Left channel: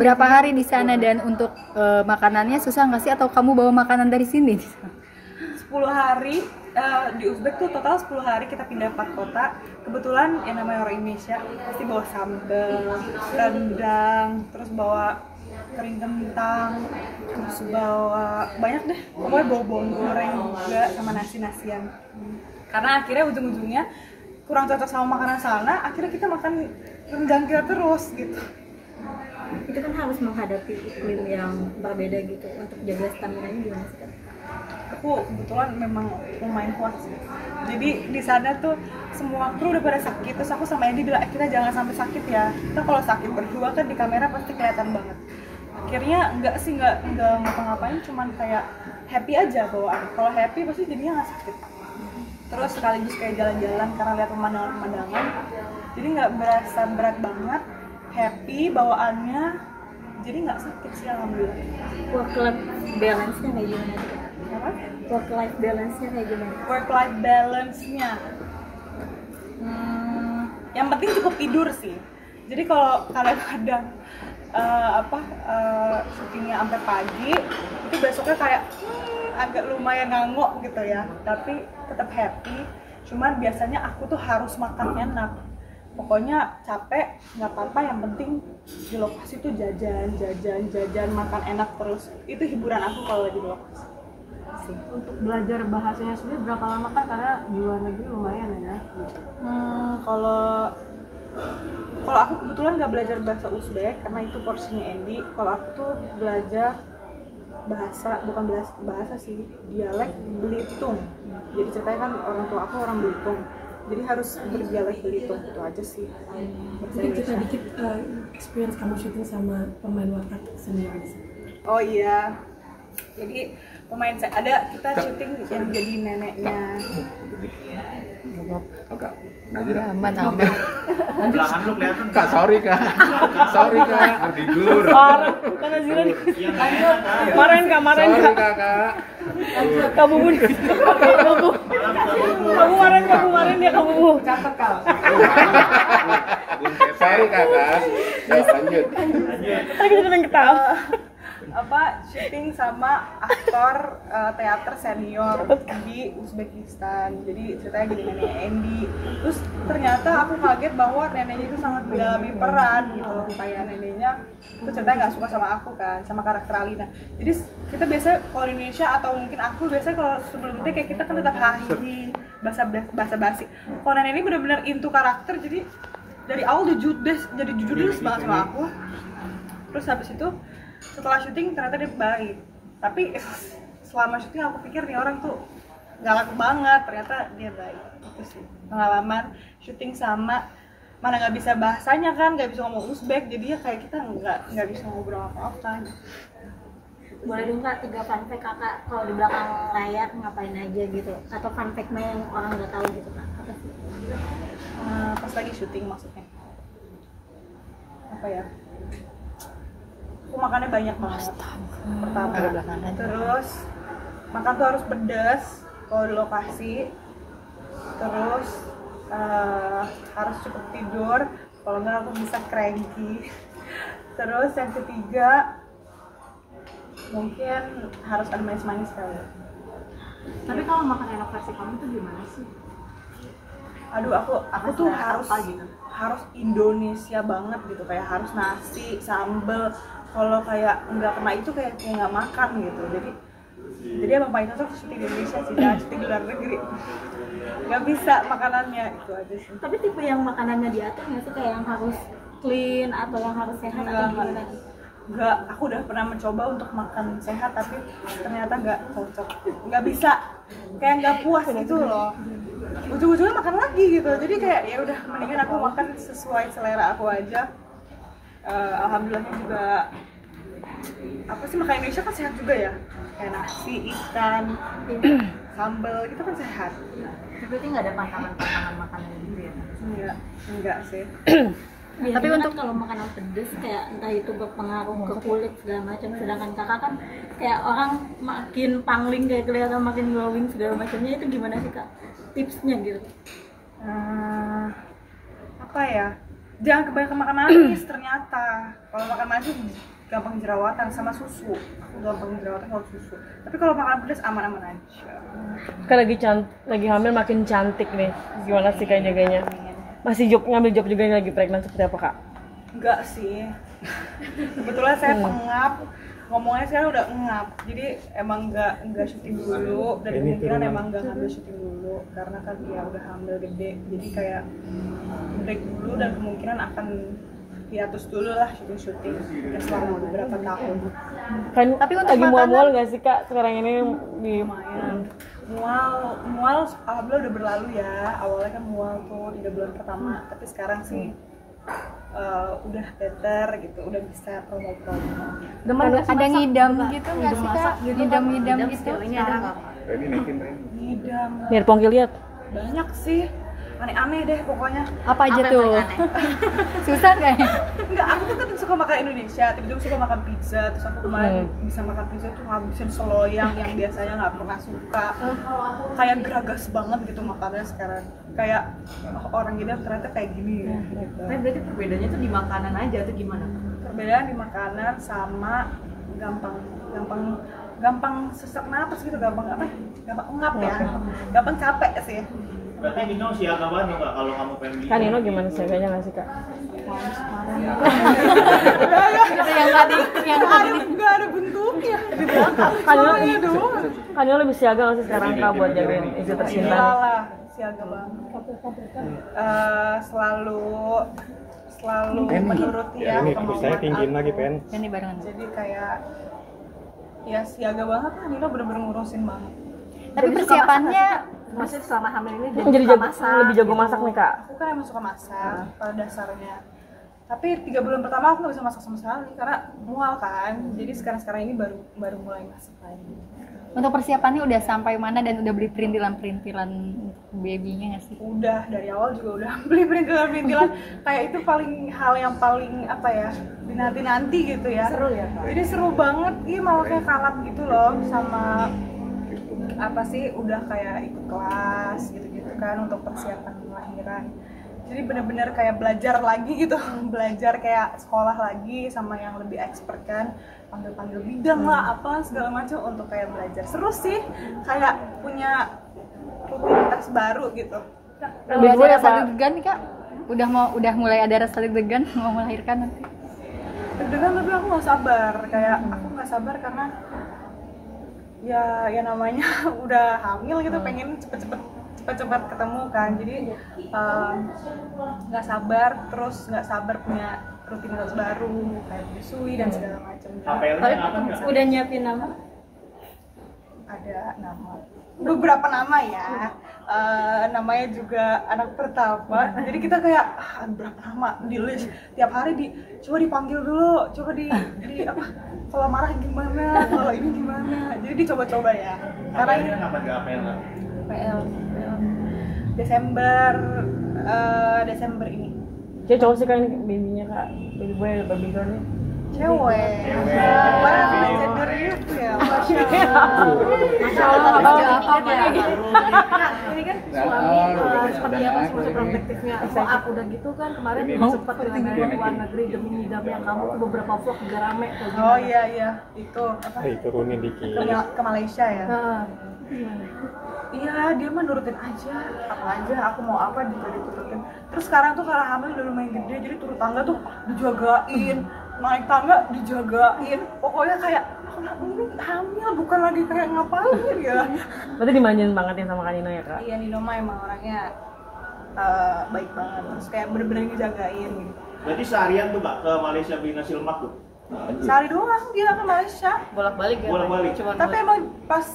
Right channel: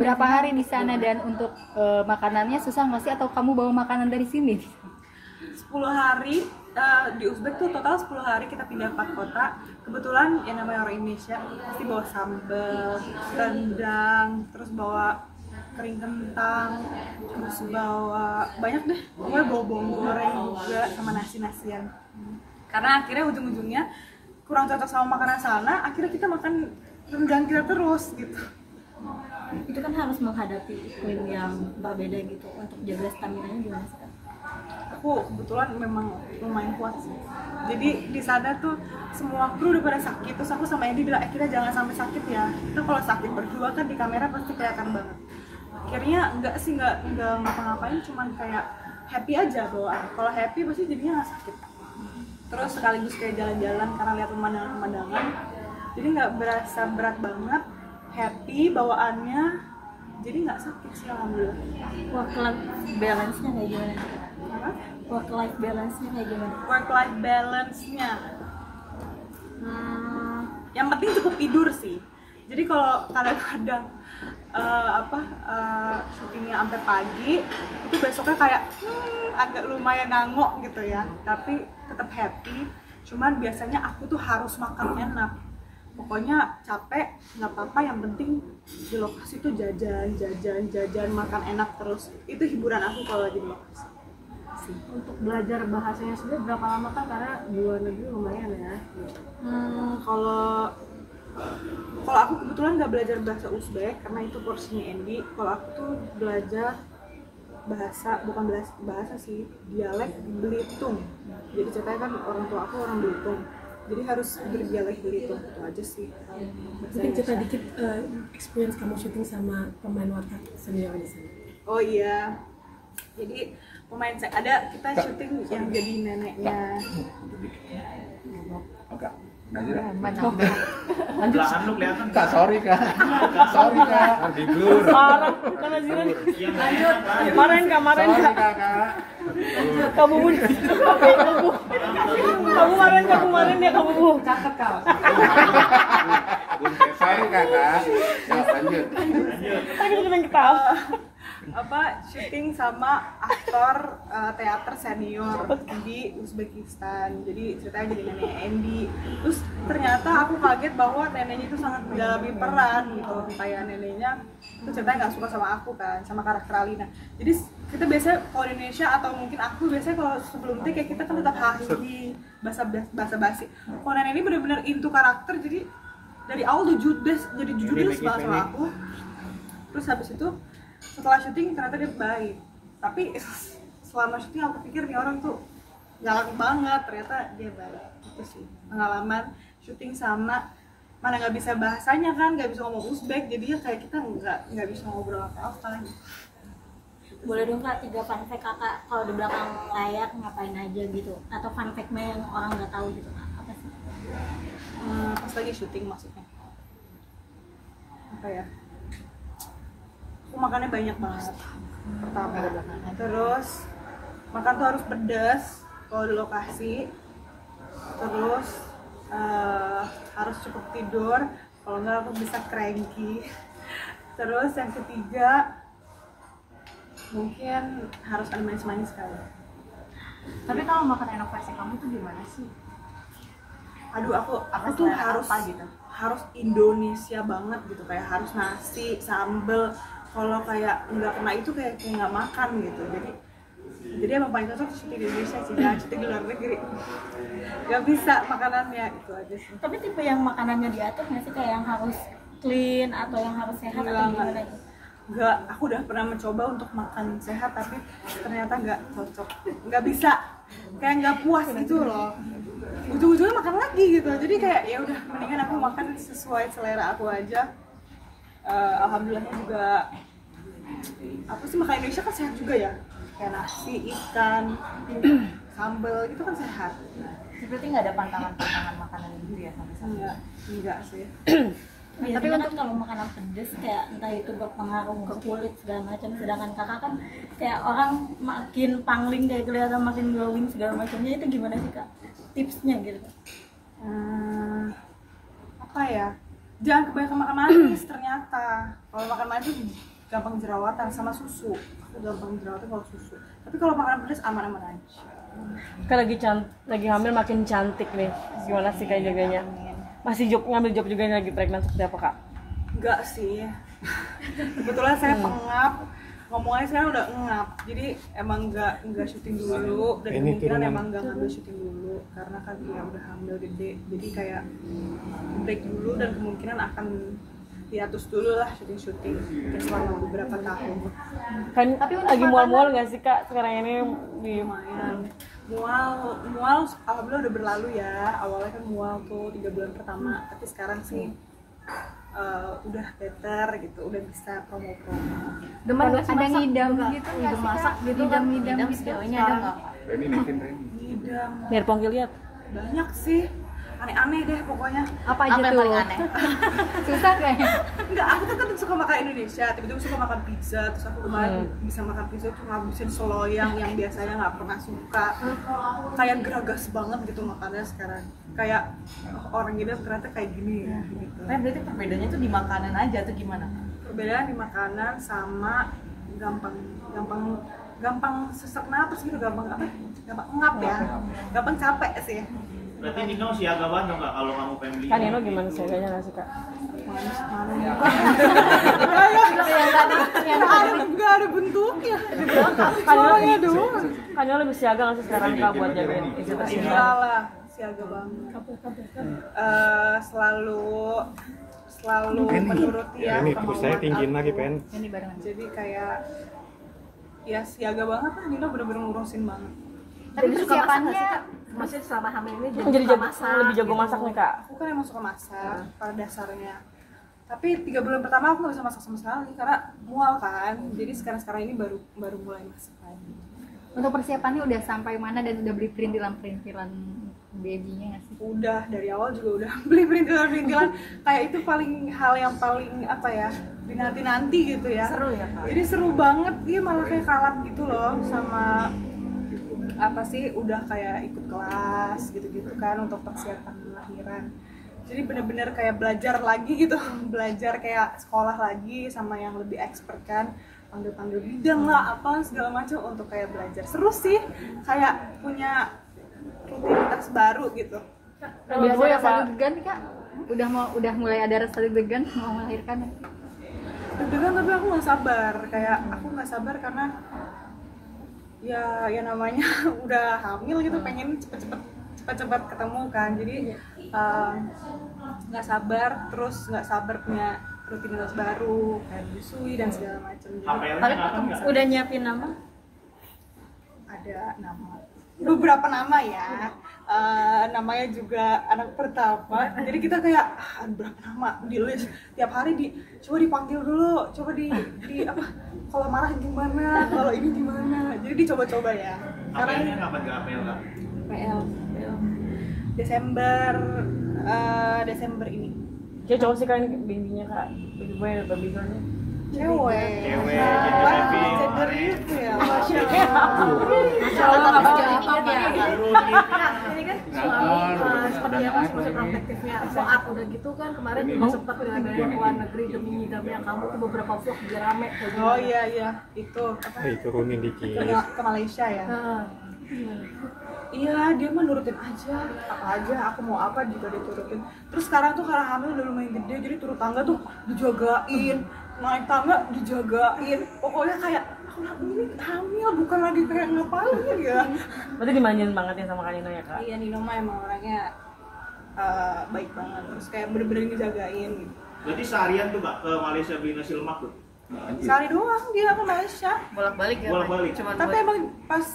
berapa hari di sana, dan untuk makanannya susah nggak sih, atau kamu bawa makanan dari sini? 10 hari di Uzbek tuh total 10 hari kita pindah 4 kota. Kebetulan yang namanya orang Indonesia pasti bawa sambal, rendang, terus bawa kering kentang, terus bawa banyak deh, pokoknya bawa bawang goreng juga sama nasi-nasian. Karena akhirnya ujung-ujungnya kurang cocok sama makanan sana, akhirnya kita makan rendang kita terus gitu. Itu kan harus menghadapi iklim yang berbeda gitu, untuk jaga stamina-nya gimana sih Kak? Aku kebetulan memang lumayan kuat sih. Jadi di sana tuh semua kru udah pada sakit, terus aku sama Andy bilang, kita jangan sampai sakit ya. Kita kalau sakit berdua kan di kamera pasti kelihatan banget. Akhirnya nggak ngapa-ngapain, cuman kayak happy aja bawaan. Kalau happy pasti jadinya nggak sakit. Terus sekaligus kayak jalan-jalan karena lihat pemandangan-pemandangan, jadi nggak berasa berat banget, happy bawaannya, jadi nggak sakit sih alhamdulillah. Work life balance-nya kayak gimana? Apa? Work life balance-nya kayak gimana? Work life balance-nya, yang penting cukup tidur sih. Jadi kalau kadang-kadang syutingnya sampai pagi, itu besoknya kayak agak lumayan ngangok gitu ya, tapi tetap happy. Cuman biasanya aku tuh harus makan enak. Pokoknya capek nggak apa-apa, yang penting di lokasi tuh jajan, makan enak terus. Itu hiburan aku kalau lagi di lokasi. Untuk belajar bahasanya sendiri berapa lama kan, karena di luar negeri lumayan ya? Kalau aku kebetulan nggak belajar bahasa Uzbek karena itu porsinya Andy. Kalau aku tuh belajar bukan bahasa sih, dialek Belitung. Jadi ceritanya kan orang tua aku orang Belitung, jadi harus berdialek Belitung, itu aja sih. Mungkin cerita dikit experience kamu syuting sama pemain watak senior di sana. Oh iya, jadi pemain saya kita syuting yang jadi neneknya. Belahan lu kelihatan. Kak, sorry kak. Di dulu. Orang karena Ziran. Marahin kak. Sorry kakak. Kamu marahin dia kamu. Catat kak. Sorry kakak. Ya, lanjut. Tapi kita ketawa. Syuting sama aktor teater senior di Uzbekistan. Jadi ceritanya jadi nenek Andy. Terus ternyata aku kaget bahwa neneknya itu sangat mendalami peran gitu. Kayak neneknya itu ceritanya nggak suka sama aku kan, sama karakter Alina. Jadi kita biasanya kalau di Indonesia atau mungkin aku biasanya kalau sebelum take kayak kita kan tetap hahi, basa-basi. Kalau nenek ini benar-benar into karakter, jadi dari awal jadi judes banget sama aku. Terus habis itu setelah syuting ternyata dia baik, tapi selama syuting aku pikir nih orang tuh galak banget, ternyata dia baik. Itu sih pengalaman syuting sama, mana nggak bisa bahasanya kan, nggak bisa ngomong Uzbek, jadinya kayak kita nggak bisa ngobrol apa-apa. Boleh dong Kak, 3 fun fact Kakak kalau di belakang layar ngapain aja gitu, atau fun fact yang orang nggak tahu gitu Kak, apa sih? Pas lagi syuting maksudnya apa ya? Aku makannya banyak banget pertama, terus makan tuh harus pedas kalau di lokasi, terus harus cukup tidur, kalau nggak aku bisa cranky. Terus yang ketiga mungkin harus ada manis-manis kali. Tapi kalau makan enak versi kamu tuh gimana sih? Aduh, aku tuh harus Indonesia banget gitu, kayak harus nasi, sambel. Kalau kayak nggak kena itu kayak nggak makan gitu. Jadi emang paling cocok syuting di Indonesia sih, jangan syuting di luar negeri. Nggak bisa makanannya, itu aja sih. Tapi tipe yang makanannya diatur nggak sih, kayak yang harus clean atau yang harus sehat atau gimana gitu? Nggak, aku udah pernah mencoba untuk makan sehat tapi ternyata nggak cocok, nggak bisa, kayak nggak puas gitu loh. Ujung-ujungnya makan lagi gitu. Jadi kayak ya udah, mendingan aku makan sesuai selera aku aja. Alhamdulillahnya juga makan Indonesia kan sehat juga ya, kayak nasi, ikan, sambal gitu kan sehat. Berarti nggak ada pantangan makanan gitu ya? Enggak sih. Tapi untuk kalau makanan pedes kayak entah itu berpengaruh ke kulit segala macam, sedangkan Kakak kan kayak orang makin pangling kayak kelihatan makin glowing segala macamnya, itu gimana sih Kak tipsnya gitu? Apa ya? jangan kebanyakan makan manis ternyata. Kalau makan manis tuh gampang jerawatan sama susu. Aku gampang jerawatan kalau susu. Tapi kalau makan pedas aman-aman aja. Kan lagi hamil makin cantik nih. Gimana sih kayak jaganya? Masih ngambil job juga lagi pregnant seperti apa kak? Enggak sih. Kebetulan saya pengap. Ngomongnya sekarang udah ngap. Jadi emang enggak syuting dulu dan kemungkinan emang enggak ngambil syuting dulu karena kan dia udah hamil gede. Jadi kayak break dulu dan kemungkinan akan hiatus dulu lah syuting selama beberapa tahun. Kan Tapi untuk lagi mual-mual nggak sih kak sekarang ini di Lumayan. Mual alhamdulillah udah berlalu ya. Awalnya kan mual tuh 3 bulan pertama, tapi sekarang sih udah better gitu, udah bisa promo-promo. Ada ngidam gitu nggak sih kak? Ngidam gitu. Ini ada nggak? Ini naikin Ren. Ngidam biar Pongki lihat. banyak sih, aneh-aneh deh pokoknya. Apa aja Apa yang tuh? paling aneh? Susah nggak ya? Enggak, aku tuh kan suka makan Indonesia, tiba-tiba suka makan pizza, terus aku kemarin bisa makan pizza tuh ngabisin seloyang yang biasanya nggak pernah suka. Kayak geragas banget gitu makannya sekarang. Kayak orang gini ternyata kayak gini ya gitu. Nah, berarti perbedaannya tuh di makanan aja atau gimana? Perbedaan di makanan sama gampang sesak napas gitu, gampang ngap ya, gampang capek sih. Berarti Nino siaga banget nggak kalau kamu pengen Kan Nino gimana sih? Kayaknya nggak sih kak? Yang tadi Nggak ada bentuknya. Soalnya doang. Kan Nino lebih siaga nggak sih sekarang kak buat jagain istri tercinta? Iyalah, siaga banget. Selalu menuruti ya Ini kemauan saya tinggiin aku. lagi pen. ini barengan. Jadi kayak ya siaga banget lah, Nino bener-bener ngurusin banget. Tapi persiapannya Masih selama hamil ini Jadi lebih jago masak nih kak. Aku kan emang suka masak pada dasarnya. Tapi 3 bulan pertama aku nggak bisa masak sama sekali karena mual kan. Jadi sekarang ini baru mulai masak lagi. untuk persiapannya udah sampai mana dan udah beli perintilan babynya nggak sih? Udah dari awal juga udah beli perintilan kayak itu hal yang paling apa ya, dinanti gitu ya. Seru ya Kak? Jadi seru banget, iya malah kayak kalap gitu loh sama apa sih, udah kayak ikut kelas gitu-gitu kan untuk persiapan lahiran. Jadi bener-bener kayak belajar lagi gitu, belajar kayak sekolah lagi sama yang lebih expert kan, panggil-panggil bidang lah apa segala macam untuk kayak belajar. Seru sih, kayak punya rutinitas baru gitu. Udah ada rasa deg-degan nih kak? Udah mulai ada rasa deg-degan mau melahirkan nanti? Deg-degan tapi aku nggak sabar, kayak aku nggak sabar karena ya namanya udah hamil gitu, pengen cepet-cepet ketemu kan, jadi nggak sabar punya rutinitas baru kayak menyusui dan segala macam. HPL-nya kapan nggak? Udah nyiapin nama? Ada beberapa nama ya, namanya juga anak pertama, jadi kita kayak berapa nama di list, tiap hari coba dipanggil dulu, coba di apa, kalau marah gimana, kalau ini gimana, jadi dicoba-coba ya. Karena ini HPL-nya kapan nggak HPL nggak? PL Desember ini. Jadi cowok sih kan babynya kak, baby boy atau baby girl-nya? Cewek. Wah, aku udah gender itu ya. Masya Allah. ini kan suami seperti apa sih masa protektifnya saat udah gitu kan kemarin juga sempat dengan luar negeri demi hidupnya kamu tuh beberapa vlog juga rame kayak Oh iya, itu apa? Turunin dikit. Ke Malaysia ya. gimana? Iya, dia mah nurutin aja, apa aja, aku mau apa juga diturutin. Terus sekarang tuh karena hamil udah lumayan gede, jadi turun tangga tuh dijagain, naik tangga dijagain. Pokoknya kayak, aku ini hamil bukan lagi kayak ngapain ya. Berarti dimanjain banget ya sama Kak Nino ya kak? Iya, Nino mah emang orangnya baik banget, terus kayak bener-bener ngejagain gitu. Berarti seharian tuh Kak ke Malaysia beli nasi lemak tuh? Sehari doang dia ke Malaysia. Bolak-balik ya? Bolak-balik. Cuman Tapi emang pas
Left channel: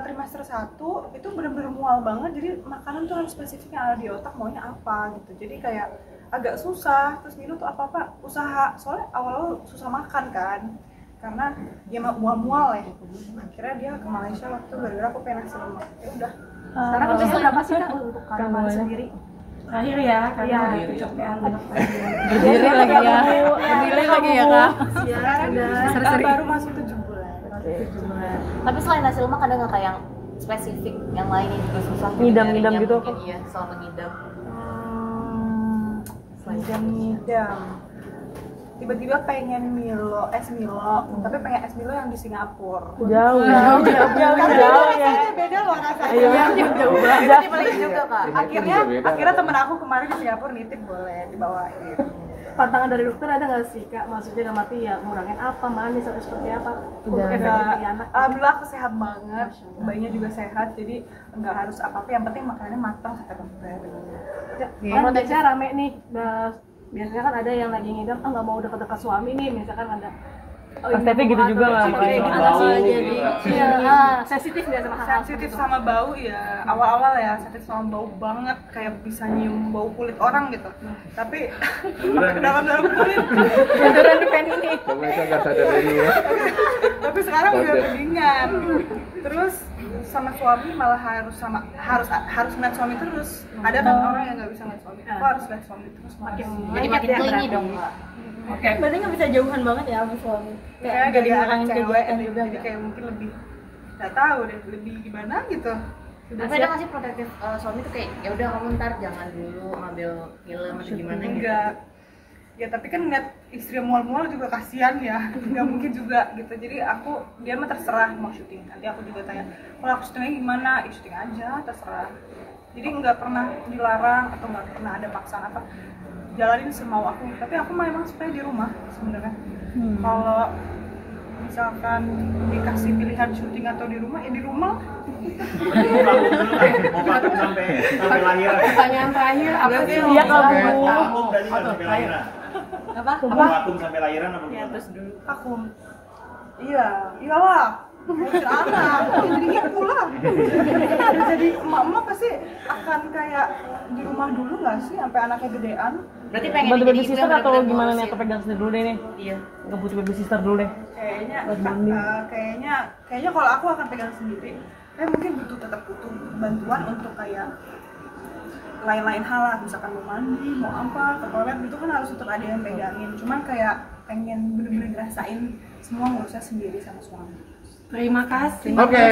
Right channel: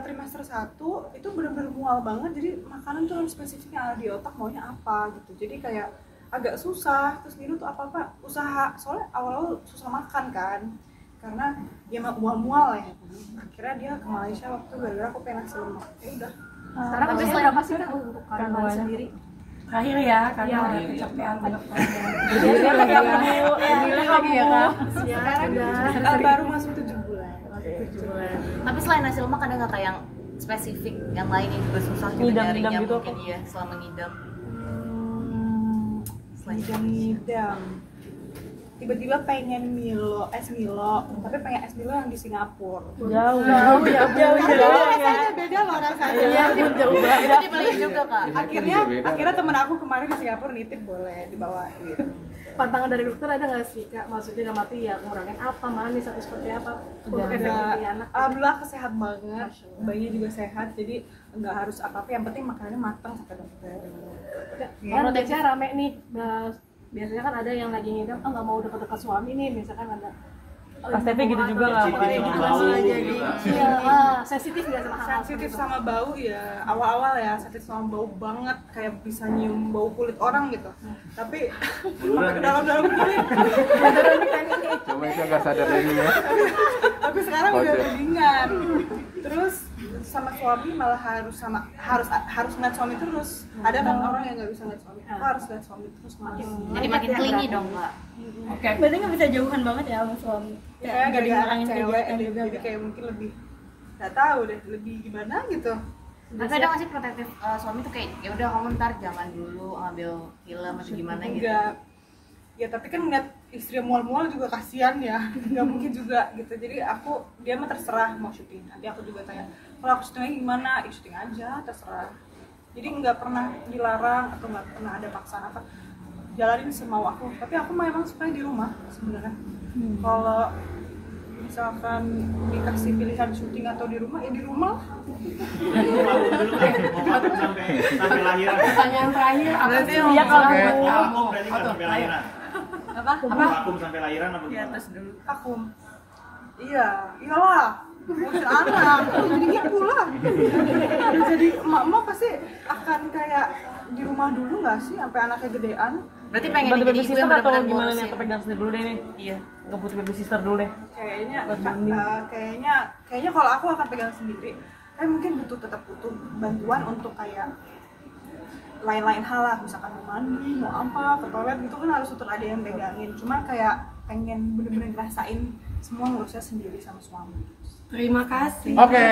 trimester 1 itu bener-bener mual banget, jadi makanan tuh harus spesifiknya ada di otak maunya apa gitu. Jadi kayak agak susah, terus Nino tuh apa-apa usaha, soalnya awal-awal susah makan kan karena dia mual-mual ya. Akhirnya dia ke Malaysia waktu gara-gara aku pengen nasi lemak. Ya udah. Sekarang habis berapa sih kak untuk kandungan sendiri? Akhir ya, karena udah kecapean banget. Berdiri lagi ya. Berdiri lagi ya kak. Sekarang baru masuk 7 bulan. Tapi selain nasi lemak ada nggak kayak yang spesifik yang lain yang juga susah Ngidam-ngidam nyarinya gitu mungkin apa? ya selama ngidam? ngidam tiba-tiba pengen Milo, tapi pengen es Milo yang di Singapura. Jauh Rasanya beda loh rasanya. jauh banget. Akhirnya temen aku kemarin di Singapura nitip boleh dibawain. Pantangan dari dokter ada nggak sih kak? Maksudnya nggak mati ya ngurangin apa, manis atau seperti apa? Untuk efek di anak. Alhamdulillah aku sehat banget, bayinya juga sehat, jadi nggak harus apa-apa. Yang penting makanannya matang kata dokter. Kan biasanya rame nih, biasanya kan ada yang lagi ngidam, nggak mau dekat-dekat suami nih, misalkan ada. Pas tapi gitu juga nggak sensitif nggak sama hal-hal Sensitif sama bau ya, awal-awal ya sensitif sama bau banget, kayak bisa nyium bau kulit orang gitu. Tapi sampai ke dalam-dalam kulit. Coba itu nggak sadar dulu ya. Tapi sekarang udah mendingan. Terus sama suami malah harus ngeliat suami terus. Ada kan orang yang nggak bisa ngeliat suami. Aku harus ngeliat suami terus. Jadi makin clingy dong Kak. Oke. Berarti nggak bisa jauhan banget ya sama suami. Kayak gak dia anak cewek, jadi kayak mungkin lebih nggak tahu deh, lebih gimana gitu. Tapi ada nggak sih protektif suami tuh kayak ya udah kamu ntar jangan dulu ngambil film atau gimana gitu? Enggak. Ya tapi kan ngeliat istri mual-mual juga kasihan ya, nggak mungkin juga gitu. Jadi dia mah terserah mau syuting. Nanti aku juga tanya, kalau aku syutingnya gimana? Ya syuting aja, terserah. Jadi nggak pernah dilarang atau nggak pernah ada paksaan apa. Jalanin semau aku. Tapi aku mah emang supaya di rumah sebenarnya. Kalau misalkan dikasih pilihan syuting atau di rumah, ya di rumah. Mau vakum sampai lahiran. Pertanyaan terakhir apa sih? Iya kalau Vakum berarti nggak sampai lahiran. Apa? Vakum sampai lahiran apa Ya gimana? terus dulu. Vakum. Iyalah. Ngurusin anak, jadi gitu lah. Jadi emak-emak pasti akan kayak di rumah dulu nggak sih sampai anaknya gedean. Berarti pengen bantu jadi baby ibu sister yang atau benar-benar gimana nih? ngurusin. Atau pegang sendiri dulu deh nih? Iya. Nggak butuh baby sister dulu deh. Kayaknya kalau aku akan pegang sendiri. Tapi mungkin tetap butuh bantuan untuk kayak lain-lain hal lah, misalkan mau mandi, mau apa, ke toilet gitu kan harus tetap ada yang pegangin. Cuman kayak pengen bener-bener ngerasain semua ngurusnya sendiri sama suami. Terima kasih. Oke.